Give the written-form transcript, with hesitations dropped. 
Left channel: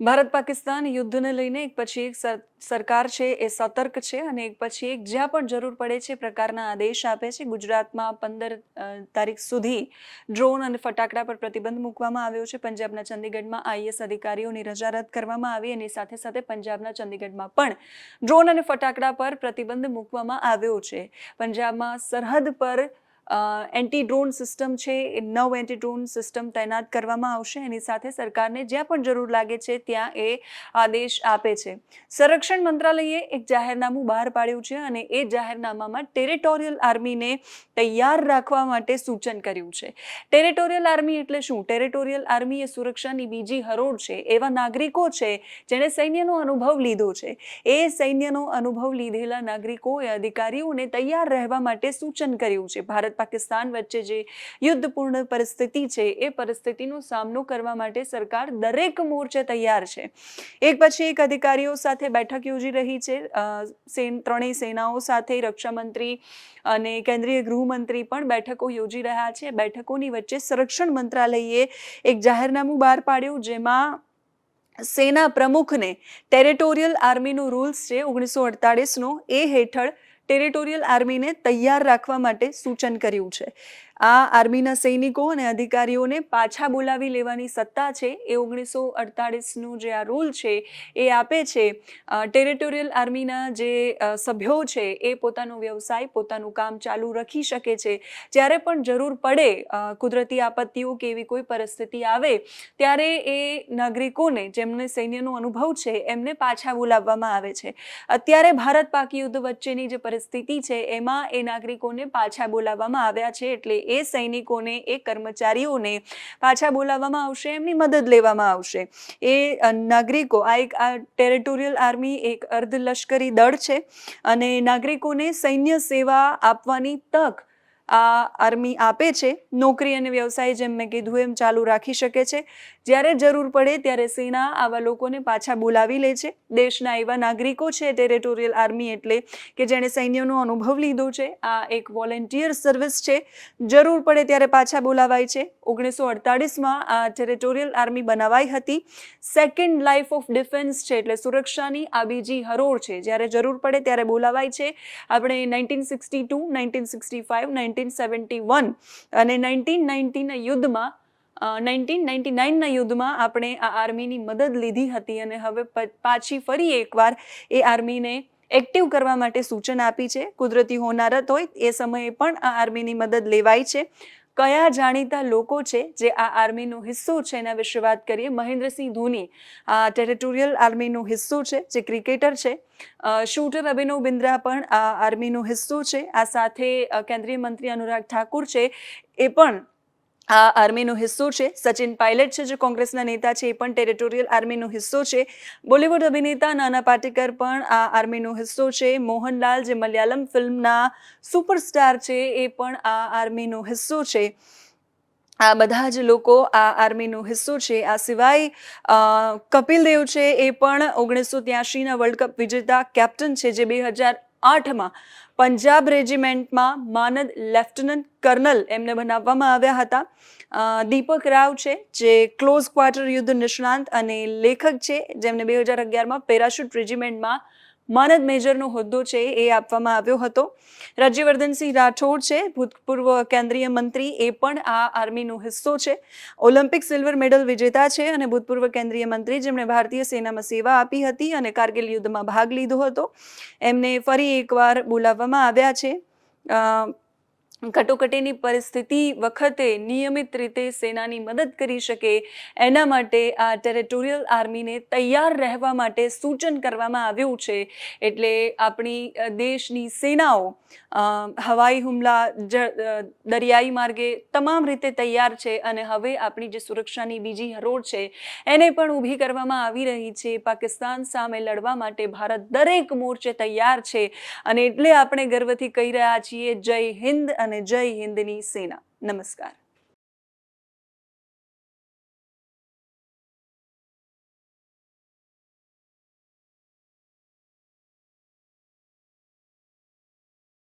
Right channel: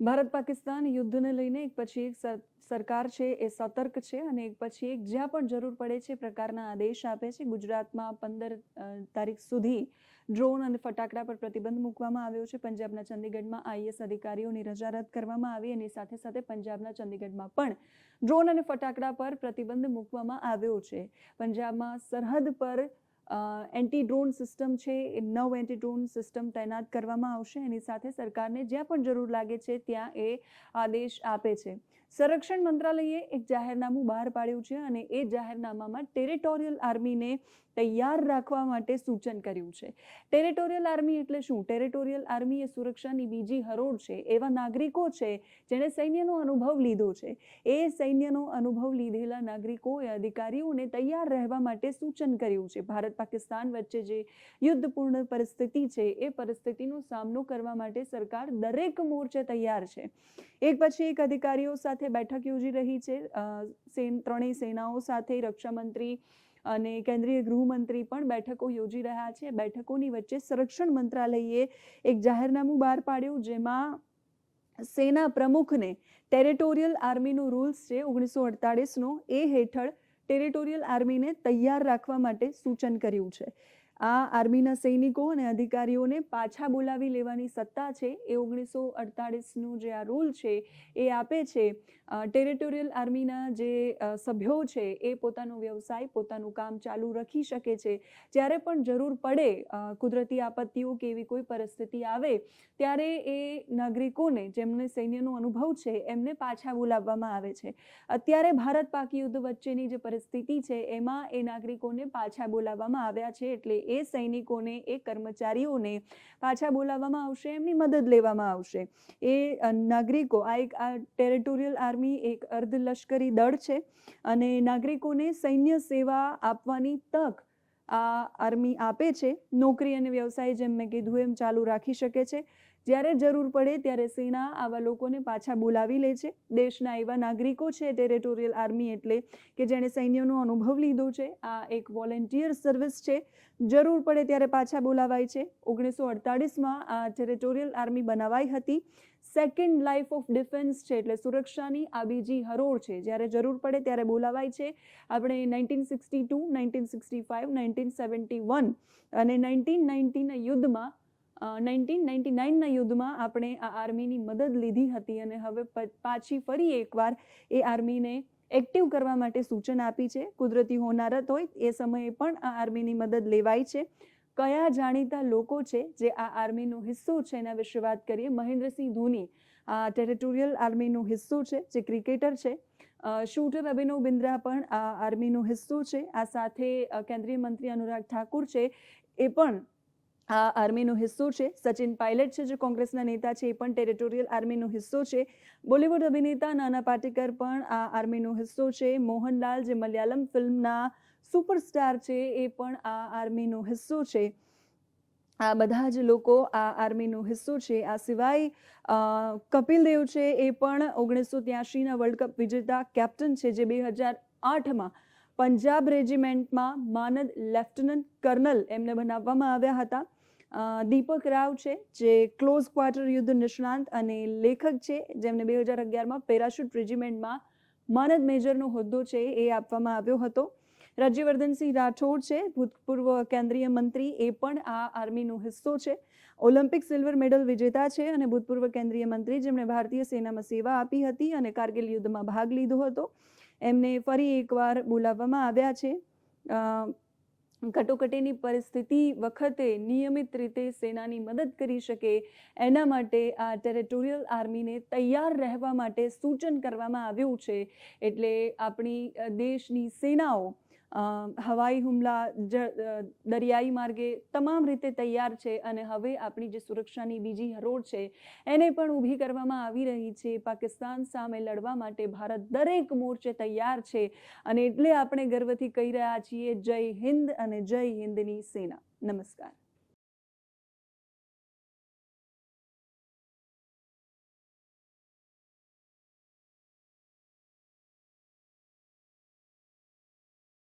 ભારત પાકિસ્તાન યુદ્ધને લઈને એક પછી એક સરકાર છે એ સતર્ક છે અને એક પછી એક જ્યાં પણ જરૂર પડે છે પ્રકારના આદેશ આપે છે. ગુજરાતમાં 15 તારીખ સુધી ડ્રોન અને ફટાકડા પર પ્રતિબંધ મૂકવામાં આવ્યો છે. પંજાબના ચંદીગઢમાં આઈએએસ અધિકારીઓની રજા રદ કરવામાં આવી અને સાથે સાથે પંજાબના ચંદીગઢમાં પણ ડ્રોન અને ફટાકડા પર પ્રતિબંધ મૂકવામાં આવ્યો છે. પંજાબમાં સરહદ પર એન્ટી ડ્રોન સિસ્ટમ છે એ 9 એન્ટી ડ્રોન સિસ્ટમ તૈનાત કરવામાં આવશે. એની સાથે સરકારને જ્યાં પણ જરૂર લાગે છે ત્યાં એ આદેશ આપે છે. સંરક્ષણ મંત્રાલયે એક જાહેરનામું બહાર પાડ્યું છે અને એ જાહેરનામામાં ટેરિટોરિયલ આર્મીને તૈયાર રાખવા માટે સૂચન કર્યું છે. ટેરિટોરિયલ આર્મી એટલે શું? ટેરિટોરિયલ આર્મી એ સુરક્ષાની બીજી હરોળ છે. એવા નાગરિકો છે જેણે સૈન્યનો અનુભવ લીધો છે. એ સૈન્યનો અનુભવ લીધેલા નાગરિકોએ અધિકારીઓને તૈયાર રહેવા માટે સૂચન કર્યું છે. ભારત પાકિસ્તાન વચ્ચે જે યુદ્ધપૂર્ણ પરિસ્થિતિ છે એ પરિસ્થિતિનો સામનો કરવા માટે સરકાર દરેક મોરચે તૈયાર છે. એક પછી એક અધિકારીઓ સાથે બેઠક યોજી રહી છે. ત્રણેય સેનાઓ સાથે રક્ષામંત્રી અને કેન્દ્રીય ગૃહમંત્રી પણ બેઠકો યોજી રહ્યા છે. બેઠકોની વચ્ચે સંરક્ષણ મંત્રાલયે એક જાહેરનામું બહાર પાડ્યું જેમાં સેના પ્રમુખને ટેરિટોરિયલ આર્મીનો રૂલ્સ છે 1948નો એ હેઠળ ટેરિટોરિયલ આર્મીને તૈયાર રાખવા માટે સૂચન કર્યું છે. આ આર્મીના સૈનિકો અને અધિકારીઓને પાછા બોલાવી લેવાની સત્તા છે એ 1948નું જે આ રૂલ છે એ આપે છે. ટેરિટોરિયલ આર્મીના જે સભ્યો છે એ પોતાનો વ્યવસાય પોતાનું કામ ચાલુ રાખી શકે છે. જ્યારે પણ જરૂર પડે કુદરતી આપત્તિઓ કે એવી કોઈ પરિસ્થિતિ આવે ત્યારે એ નાગરિકોને જેમને સૈન્યનો અનુભવ છે એમને પાછા બોલાવવામાં આવે છે. અત્યારે ભારત પાક યુદ્ધ વચ્ચેની જે પરિસ્થિતિ છે એમાં એ નાગરિકોને પાછા બોલાવવામાં આવ્યા છે. એટલે એ સૈનિકોને એ કર્મચારીઓને પાછા બોલાવવામાં આવશે, એમની મદદ લેવામાં આવશે. એ નાગરિકો આ ટેરિટોરિયલ આર્મી એક અર્ધલશ્કરી દળ છે અને નાગરિકોને સૈન્ય સેવા આપવાની તક આ આર્મી આપે છે. નોકરી અને વ્યવસાય જેમ મેં કીધું એમ ચાલુ રાખી શકે છે. જ્યારે જરૂર પડે ત્યારે સેના આવા લોકોને પાછા બોલાવી લે છે. દેશના એવા નાગરિકો છે ટેરિટોરિયલ આર્મી એટલે કે જેણે સૈન્યનો અનુભવ લીધો છે. આ એક વોલેન્ટિયર સર્વિસ છે. જરૂર પડે ત્યારે પાછા બોલાવાય છે. 1948માં આ ટેરિટોરિયલ આર્મી બનાવાઈ હતી. સેકન્ડ લાઈફ ઓફ ડિફેન્સ છે એટલે સુરક્ષાની આ બીજી હરોળ છે. જ્યારે જરૂર પડે ત્યારે બોલાવાય છે. આપણે 1962, 1965, 1971 અને 1990ના યુદ્ધમાં 1999ના યુદ્ધમાં આપણે આ આર્મીની મદદ લીધી હતી અને હવે પાછી ફરી એકવાર એ આર્મીને એક્ટિવ કરવા માટે સૂચન આપી છે. કુદરતી હોનારત હોય એ સમયે પણ આ આર્મીની મદદ લેવાય છે. કયા જાણીતા લોકો છે જે આ આર્મીનો હિસ્સો છે એના વિશે વાત કરીએ. મહેન્દ્રસિંહ ધોની આ ટેરિટોરિયલ આર્મીનો હિસ્સો છે, જે ક્રિકેટર છે. શૂટર અભિનવ બિંદ્રા પણ આ આર્મીનો હિસ્સો છે. આ સાથે કેન્દ્રીય મંત્રી અનુરાગ ઠાકુર છે એ પણ આ આર્મીનો હિસ્સો છે. સચિન પાયલટ છે જે કોંગ્રેસના નેતા છે એ પણ ટેરિટોરિયલ આર્મીનો હિસ્સો છે. બોલિવૂડ અભિનેતા નાના પાટેકર પણ આ આર્મીનો હિસ્સો છે. મોહનલાલ જે મલયાલમ ફિલ્મના સુપરસ્ટાર છે એ પણ આ આર્મીનો હિસ્સો છે. આ બધા જ લોકો આ આર્મીનો હિસ્સો છે. આ સિવાય કપિલ દેવ છે એ પણ 1983ના વર્લ્ડ કપ વિજેતા કેપ્ટન છે જે 2008માં પંજાબ રેજિમેન્ટમાં માનદ લેફ્ટનન્ટ કર્નલ એમને બનાવવામાં આવ્યા હતા. દીપક રાવ છે જે ક્લોઝ ક્વાર્ટર યુદ્ધ નિષ્ણાંત અને લેખક છે જેમને 2011માં પેરાશૂટ રેજિમેન્ટમાં માનદ મેજરનો હોદ્દો છે એ આપવામાં આવ્યો હતો. રાજ્યવર્ધનસિંહ રાઠોડ છે ભૂતપૂર્વ કેન્દ્રીય મંત્રી, એ પણ આ આર્મીનો હિસ્સો છે. ઓલિમ્પિક સિલ્વર મેડલ વિજેતા છે અને ભૂતપૂર્વ કેન્દ્રીય મંત્રી જેમણે ભારતીય સેનામાં સેવા આપી હતી અને કારગિલ યુદ્ધમાં ભાગ લીધો હતો. એમને ફરી એકવાર બોલાવવામાં આવ્યા છે. કટોકટીની પરિસ્થિતિ વખતે નિયમિત રીતે સેનાની મદદ કરી શકે એના માટે આ ટેરિટોરિયલ આર્મીને તૈયાર રહેવા માટે સૂચન કરવામાં આવ્યું છે. એટલે આપણી દેશની સેનાઓ હવાઈ હુમલા, દરિયાઈ માર્ગે તમામ રીતે તૈયાર છે અને હવે આપણી જે સુરક્ષાની બીજી હરોળ છે એને પણ ઊભી કરવામાં આવી રહી છે. પાકિસ્તાન સામે લડવા માટે ભારત દરેક મોરચે તૈયાર છે અને એટલે આપણે ગર્વથી કહી રહ્યા છીએ જય હિન્દ અને જય હિન્દની સેના. નમસ્કાર.